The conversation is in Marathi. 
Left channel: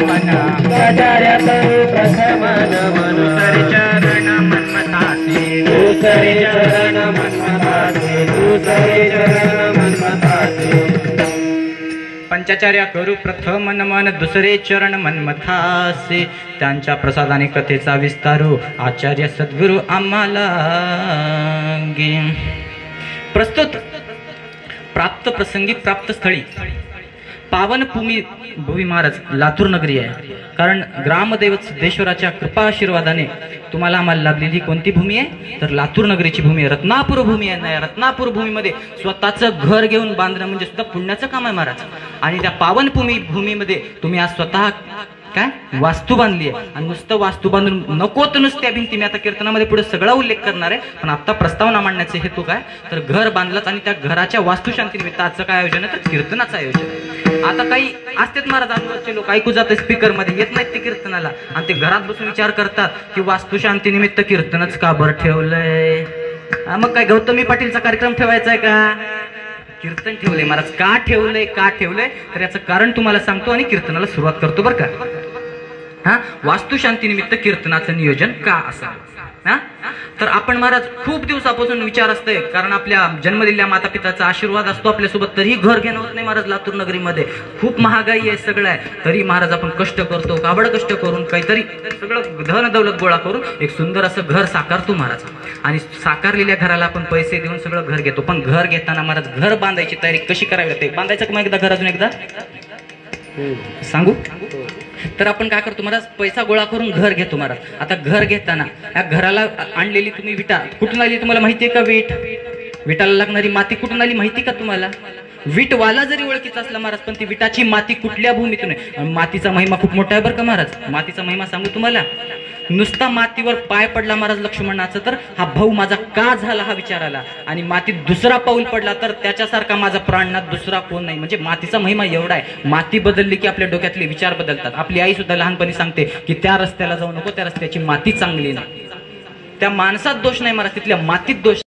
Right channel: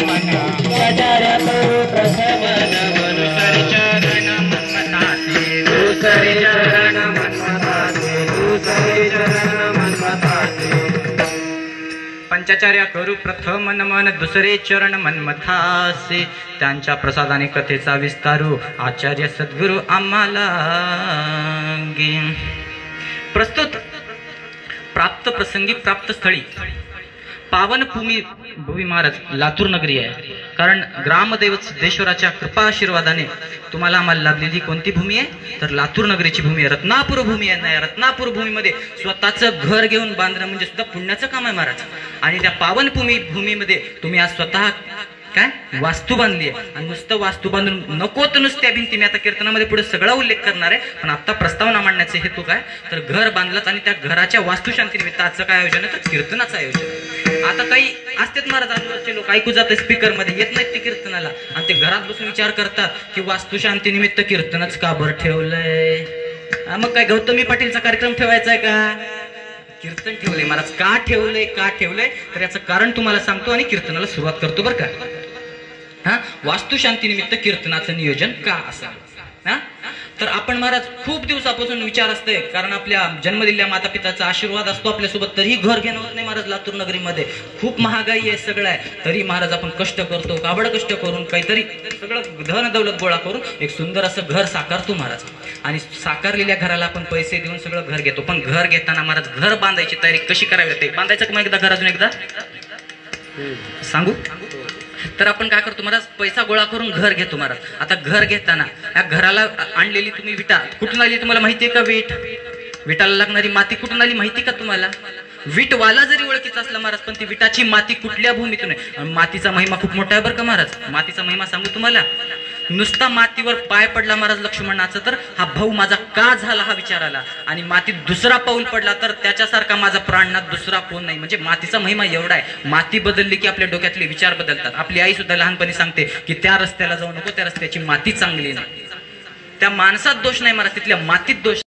पंचाचार्य करू प्रथम नमन दुसरे चरण मन्मथाचे दुसरे चरण मन्मथाचे दुसरे चरण मन्मथाचे पंचाचार्य करू प्रथम नमन दुसरे चरण मन्मथासे त्यांच्या प्रसादाने कथेचा विस्तारू आचार्य सद्गुरु आम्हाला गे प्रस्तुत प्राप्त प्रसंगी प्राप्त स्थळी पावन भूमी महाराज लातूर नगरी आहे. कारण ग्रामदैवत सिद्धेश्वराच्या कृपा आशीर्वादाने तुम्हाला आम्हाला लाभलेली कोणती भूमी आहे तर लातूर नगरीची भूमी आहे. रत्नापूर भूमी आहे ना. रत्नापूर भूमीमध्ये स्वतःचं घर घेऊन बांधणं म्हणजे सुद्धा पुण्याचं काम आहे महाराज. आणि त्या पावन भूमीमध्ये तुम्ही आज स्वतः काय वास्तू बांधली आहे. आणि नुसतं वास्तू बांधून नको तर नुसत्या भिंती मी आता कीर्तनामध्ये पुढे सगळा उल्लेख करणार आहे. पण आता प्रस्तावना मांडण्याचे हेतू काय तर घर बांधलंच आणि त्या घराच्या वास्तुशांतीनिमित्त आजचं काय आयोजन आहे तर कीर्तनाचं आयोजन. आता काही असतेच महाराज आजूबाजूचे लोक ऐकू जातात स्पीकर मध्ये येत नाहीत ते कीर्तनाला आणि ते घरात बसून विचार करतात की वास्तुशांतीनिमित्त कीर्तनच का बरं ठेवलंय. मग काय गौतमी पाटीलचा कार्यक्रम ठेवायचा आहे का. कीर्तन ठेवलंय महाराज. का ठेवलंय तर याचं कारण तुम्हाला सांगतो आणि कीर्तनाला सुरुवात करतो बरं का. वास्तुशांतीनिमित्त कीर्तनाचं नियोजन का असावं. तर आपण महाराज खूप दिवसापासून विचार असतोय कारण आपल्या जन्म दिलेल्या माता पिताचा आशीर्वाद असतो आपल्यासोबत तरी घर घेणं होत नाही महाराज. लातूर नगरीमध्ये खूप महागाई आहे सगळं आहे तरी महाराज आपण कष्ट करतो काबड कष्ट करून काहीतरी सगळं धन दौलत गोळा करून एक सुंदर असं घर साकारतो महाराज. आणि साकारलेल्या घराला आपण पैसे देऊन सगळं घर घेतो. पण घर घेताना महाराज घर बांधायची तयारी कशी करावी लागते. बांधायचं का मग एकदा घर अजून एकदा सांगू तर आपण काय करतो महाराज पैसा गोळा करून घर घेतो महाराज. आता घर घेताना या घराला आणलेली तुम्ही विटा कुठून आली तुम्हाला माहिती आहे का. विटाला लागणारी माती कुठून आली माहिती का तुम्हाला. विटवाला जरी ओळखीचा असला महाराज पण ती विटाची माती कुठल्या भूमीतून आहे. मातीचा महिमा खूप मोठा आहे बरं का महाराज. मातीचा महिमा सांगू तुम्हाला. नुसता मातीवर पाय पडला महाराज लक्ष्मणाचा तर हा भाऊ माझा का झाला हा विचार आला. आणि मातीत दुसरा पाऊल पडला तर त्याच्यासारखा माझा प्राणनाथ दुसरा कोण नाही. म्हणजे मातीचा महिमा एवढा आहे. माती बदलली की आपल्या डोक्यातले विचार बदलतात. आपली आई सुद्धा लहानपणी सांगते की त्या रस्त्याला जाऊ नको त्या रस्त्याची माती चांगली नाही. त्या माणसात दोष नाही महाराज तिथल्या मातीत दोष.